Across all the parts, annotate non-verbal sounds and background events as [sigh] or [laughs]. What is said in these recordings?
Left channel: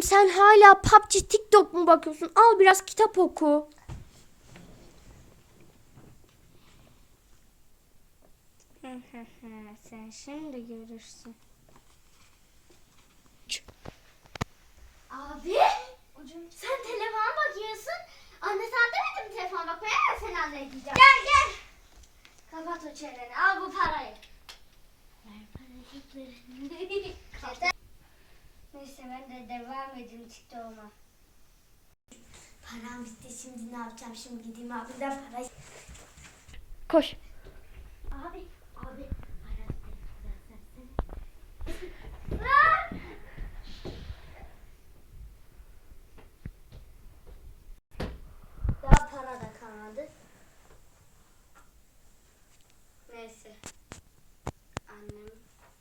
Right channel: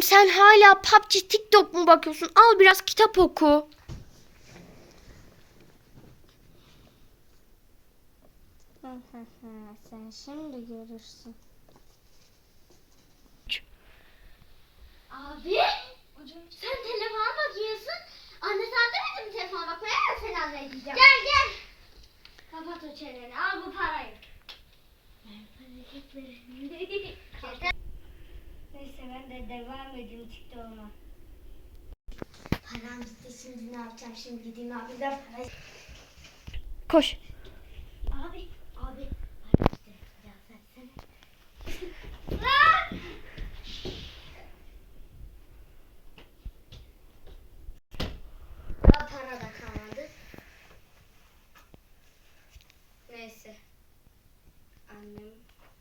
Oğlum sen hala PUBG TikTok mu bakıyorsun? Al biraz kitap oku. [laughs] Sen şimdi görürsün. Abi sen telefona bakıyorsun. Anne sen demedin mi telefona bakmaya ben seni halledeceğim. Gel gel. Kapat o çeneni al bu parayı. Ver [laughs] parayı. Neyse ben de devam edeyim TikTok'uma. Param bitti şimdi ne yapacağım şimdi gideyim abimden parayı. Koş. Abi abi. Param bitti. Biraz versene. Lan! Daha para da kalmadı. Neyse. Annem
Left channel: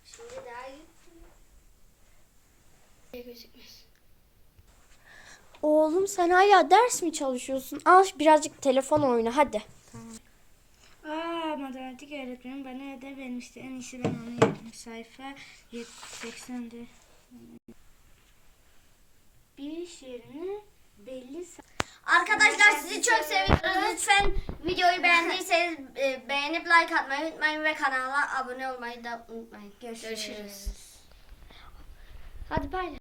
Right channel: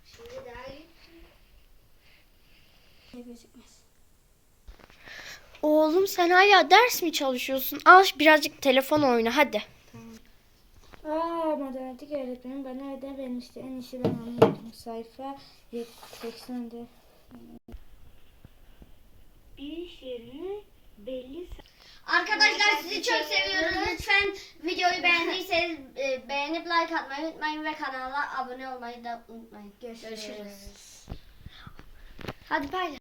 şimdi daha iyi. Şey gözükmez. Oğlum sen hala ders mi çalışıyorsun? Al birazcık telefon oyna hadi. Aa matematik öğretmenim bana ödev vermişti. En iyisi ben onu yapayım. Sayfa 80'de. Bir şiirini belli Arkadaşlar sizi çok seviyoruz. Lütfen videoyu beğendiyseniz e, beğenip like atmayı unutmayın ve kanala abone olmayı da unutmayın. Görüşürüz. Hadi bay.